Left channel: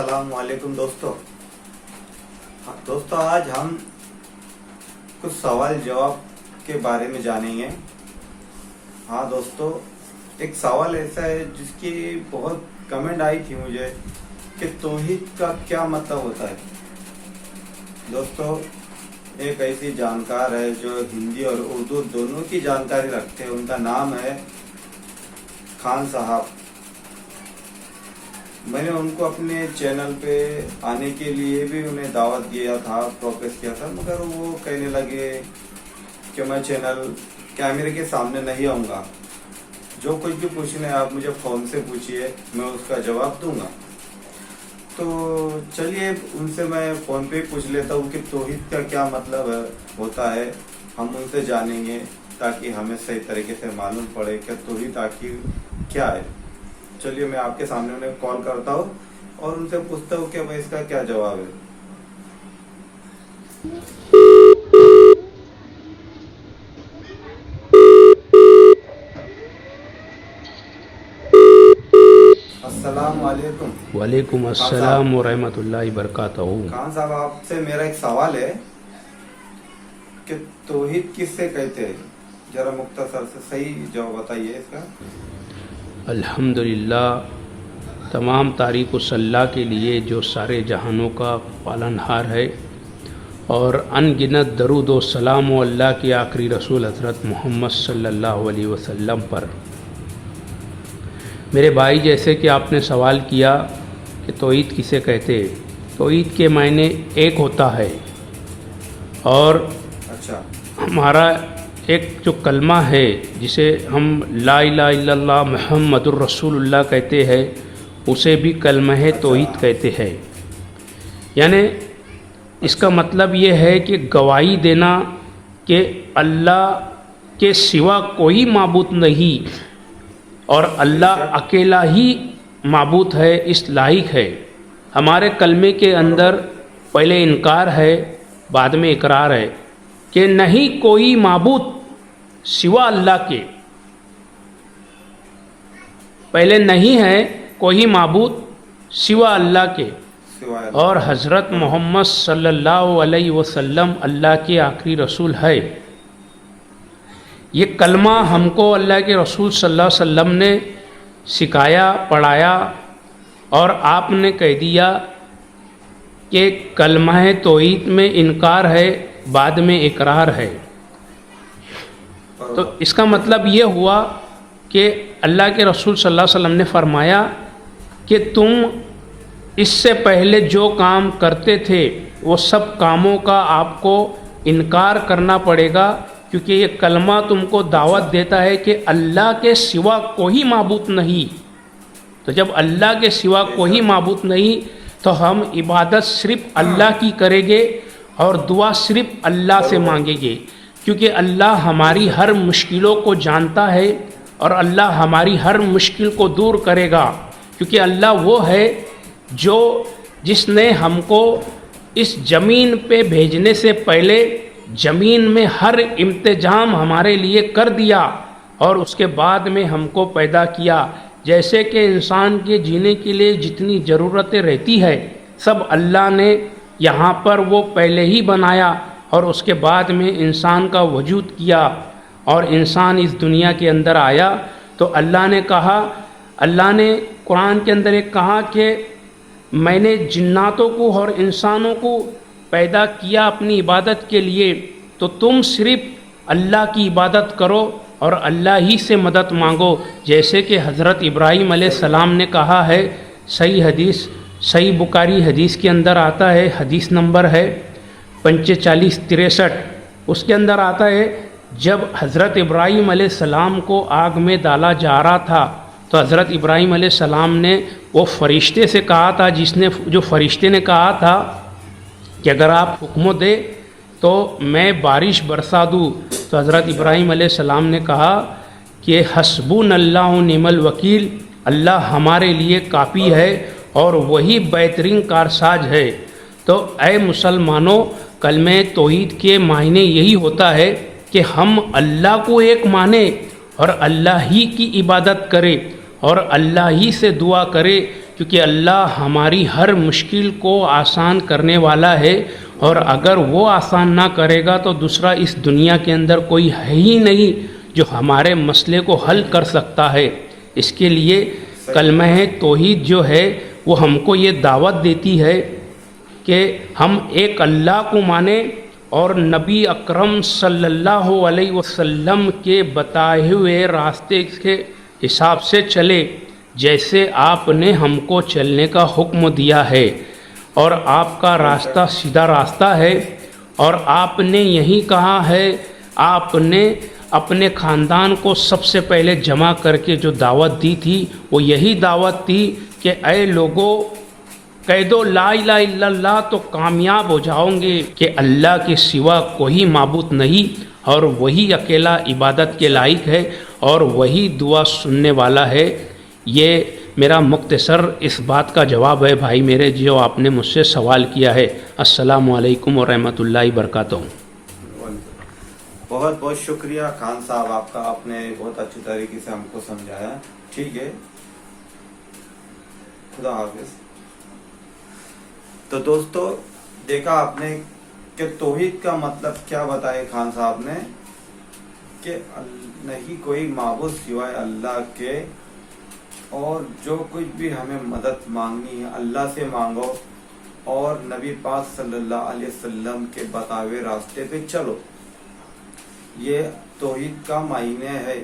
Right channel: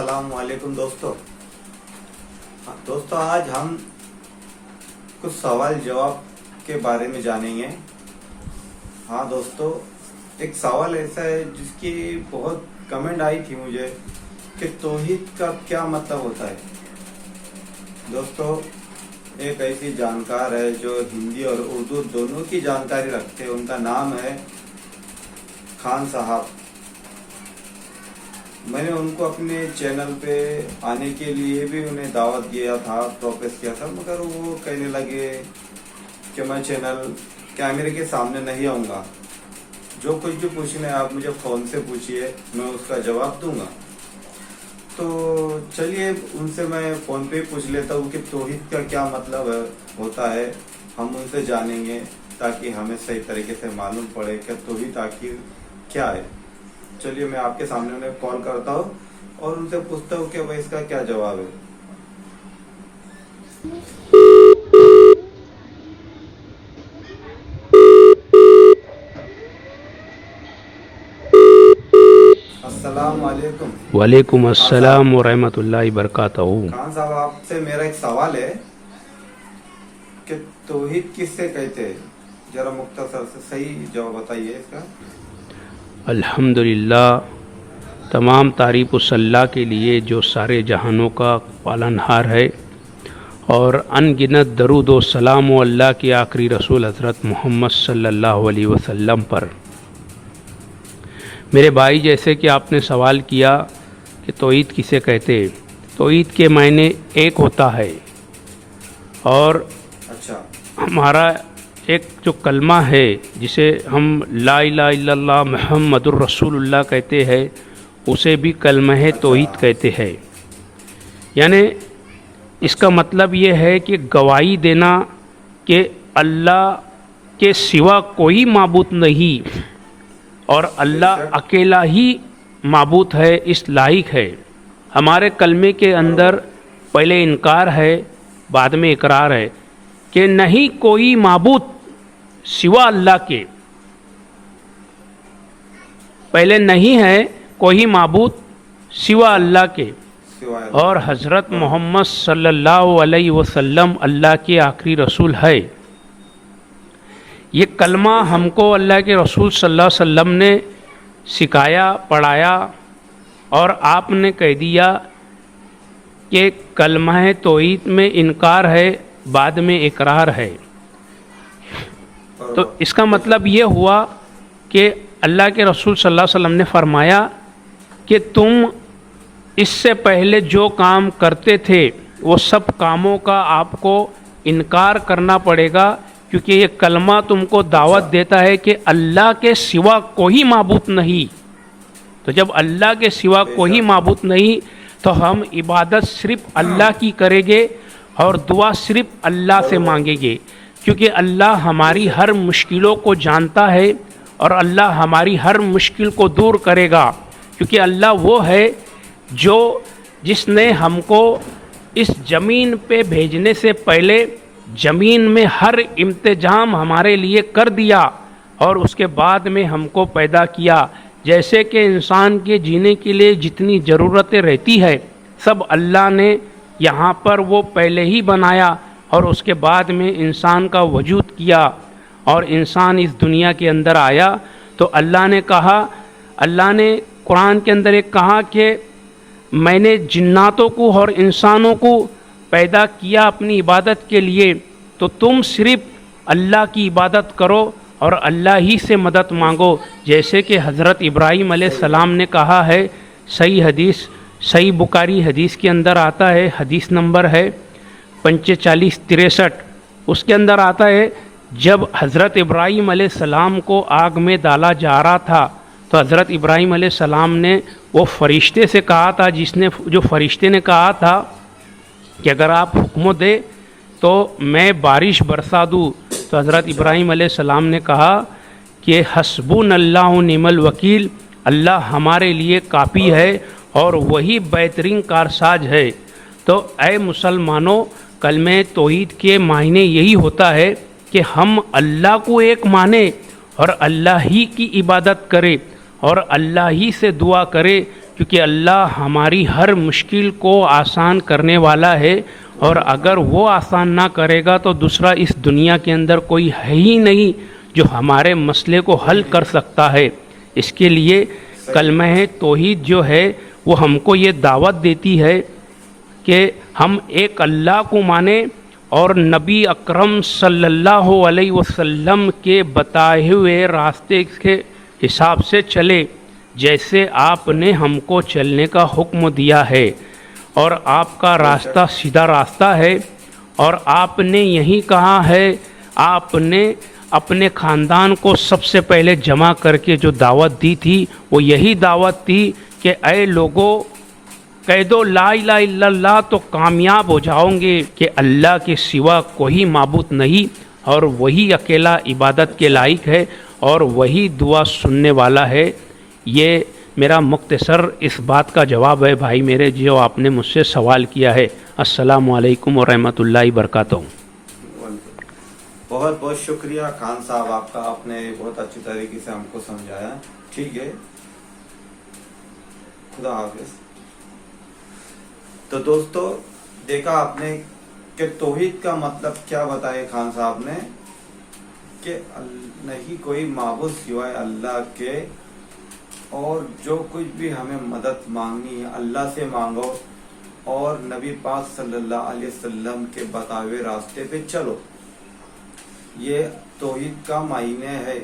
अस्सलाम वालेकुम दोस्तों। दोस्तों आज हम कुछ सवाल जवाब के बारे में जानेंगे। हाँ दोस्तों, एक सवाल ऐसा है जिसकी बहुत कमेंट आई थी मुझे कि तौहीद का क्या मतलब होता है। दोस्तों एक ऐसी जानकार है जो हिंदी और उर्दू दोनों की जानकारी रखते हैं, उनका नाम है खान साहब। मैंने उनको अपने चैनल पे आने के लिए भी उन्हें दावत दिया था, प्रोपोज किया था, मगर वो कहने लगे कि मैं चैनल कैमरे के सामने नहीं आऊँगा, जो कुछ भी पूछना है आप मुझे फ़ोन से पूछिए, मैं उसका जवाब दूंगा। तो चलिए उनसे मैं फ़ोन पे पूछ लेता हूँ कि तौहीद का क्या मतलब होता है, हम उनसे जानेंगे ताकि हमें सही तरीके से मालूम पड़े कि तौहीद आखिर क्या है। चलिए मैं आपके सामने उन्हें कॉल करता हूँ और उनसे पूछता हूँ कि भाई इसका क्या जवाब है। अस्सलाम वालेकुम। वालेकुम अस्सलाम व रहमतुल्लाहि बरकातहू। खान साहब आपसे मेरा एक सवाल है कि तौहीद किससे कहते हैं, जरा मुख्तसर से सही जवाब बताइए इसका। अल्हम्दुलिल्लाह, तमाम तारीफ़ उस अल्लाह के लिए जो सारे जहानों का पालनहार है, और अनगिनत दरूद व सलाम व अल्लाह के आखिरी रसूल हज़रत मोहम्मद सल्लल्लाहु अलैहि वसल्लम पर। मेरे भाई, जैसे कि आपने सवाल किया कि तौहीद किसे कहते हैं, तौहीद के मायने एक होता है, और अच्छा हमारा एक जो कलमा है जिसे हम ला इलाहा इल्लल्लाह मुहम्मदुर रसूलुल्लाह कहते हैं, उसे भी कलमा है तौहीद कहते हैं। यानी इसका मतलब ये है कि गवाही देना कि अल्लाह के सिवा कोई माबूद नहीं और अल्लाह अकेला ही माबूद है, इस लायक है। हमारे कलमे के अंदर पहले इनकार है, बाद में इकरार है कि नहीं कोई माबूद सिवा अल्लाह के। पहले नहीं है कोई माबूद सिवा अल्लाह के, और हज़रत मोहम्मद सल्लल्लाहु अलैहि वसल्लम अल्लाह के आखिरी रसूल है। ये कलमा हमको अल्लाह के रसूल सल्लल्लाहु अलैहि वसल्लम ने सिखाया, पढ़ाया, और आपने कह दिया कि कलमा है तौहीद में इनकार है, बाद में इकरार है। तो इसका मतलब ये हुआ कि अल्लाह के रसूल सल्लल्लाहु अलैहि वसल्लम ने फरमाया कि तुम इससे पहले जो काम करते थे वो सब कामों का आपको इनकार करना पड़ेगा, क्योंकि ये कलमा तुमको दावत देता है कि अल्लाह के सिवा कोई माबूद नहीं। तो जब अल्लाह के सिवा कोई माबूद नहीं तो हम इबादत सिर्फ अल्लाह की करेंगे और दुआ सिर्फ अल्लाह से मांगेंगे, क्योंकि अल्लाह हमारी हर मुश्किलों को जानता है और अल्लाह हमारी हर मुश्किल को दूर करेगा, क्योंकि अल्लाह वो है जो जिसने हमको इस ज़मीन पे भेजने से पहले ज़मीन में हर इंतजाम हमारे लिए कर दिया और उसके बाद में हमको पैदा किया। जैसे कि इंसान के जीने के लिए जितनी ज़रूरतें रहती है सब अल्लाह ने यहाँ पर वो पहले ही बनाया, और उसके बाद में इंसान का वजूद किया और इंसान इस दुनिया के अंदर आया। तो अल्लाह ने कहा, अल्लाह ने कुरान के अंदर एक कहा कि मैंने जिन्नातों को और इंसानों को पैदा किया अपनी इबादत के लिए, तो तुम सिर्फ अल्लाह की इबादत करो और अल्लाह ही से मदद मांगो। जैसे कि हज़रत इब्राहीम अलैहिस्सलाम ने कहा है, सही हदीस, सही बुखारी हदीस के अंदर आता है, हदीस नंबर है 4563, उसके अंदर आता है, जब हज़रत इब्राहीम अलैहिस्सलाम को आग में डाला जा रहा था तो हज़रत इब्राहीम अलैहिस्सलाम ने वो फरिश्ते से कहा था, जो फरिश्ते ने कहा था कि अगर आप हुक्म दे तो मैं बारिश बरसा दूँ। तो हज़रत इब्राहीम अलैहिस्सलाम ने कहा कि हस्बुनल्लाहु निअमल वकील, अल्लाह हमारे लिए काफ़ी है और वही बेहतरीन कारसाज है। तो ऐ मुसलमानों, कलमे तौहीद के मायने यही होता है कि हम अल्लाह को एक माने और अल्लाह ही की इबादत करें और अल्लाह ही से दुआ करें, کیونکہ اللہ ہماری ہر مشکل کو آسان کرنے والا ہے، اور اگر وہ آسان نہ کرے گا تو دوسرا اس دنیا کے اندر کوئی ہے ہی نہیں جو ہمارے مسئلے کو حل کر سکتا ہے۔ اس کے لیے کلمہ توحید جو ہے وہ ہم کو یہ دعوت دیتی ہے کہ ہم ایک اللہ کو مانیں اور نبی اکرم صلی اللہ علیہ وسلم کے بتائے ہوئے راستے کے حساب سے چلے، جیسے آپ نے ہم کو چلنے کا حکم دیا ہے، اور آپ کا راستہ سیدھا راستہ ہے۔ اور آپ نے یہی کہا ہے، آپ نے اپنے خاندان کو سب سے پہلے جمع کر کے جو دعوت دی تھی وہ یہی دعوت تھی کہ اے لوگوں، کہہ دو لا الہ الا اللہ تو کامیاب ہو جاؤں گے کہ اللہ کے سوا کوئی معبود نہیں، اور وہی اکیلا عبادت کے لائق ہے، اور وہی دعا سننے والا ہے۔ یہ میرا مختصر اس بات کا جواب ہے بھائی میرے، جو آپ نے مجھ سے سوال کیا ہے۔ السلام علیکم ورحمۃ اللہ وبرکاتہ۔ بہت بہت شکریہ خان صاحب آپ کا، آپ نے بہت اچھی طریقے سے ہم کو سمجھایا۔ ٹھیک ہے، خدا حافظ۔ تو دوستو دیکھا آپ نے کہ توحید کا مطلب کیا بتائے خان صاحب نے، کہ نہیں کوئی معبود سوائے اللہ کے، اور جو کچھ بھی ہمیں مدد مانگنی ہے اللہ سے مانگو، اور نبی پاک صلی اللہ علیہ وسلم کے بتائے ہوئے راستے پہ چلو۔ یہ توحید کا معنی ہے۔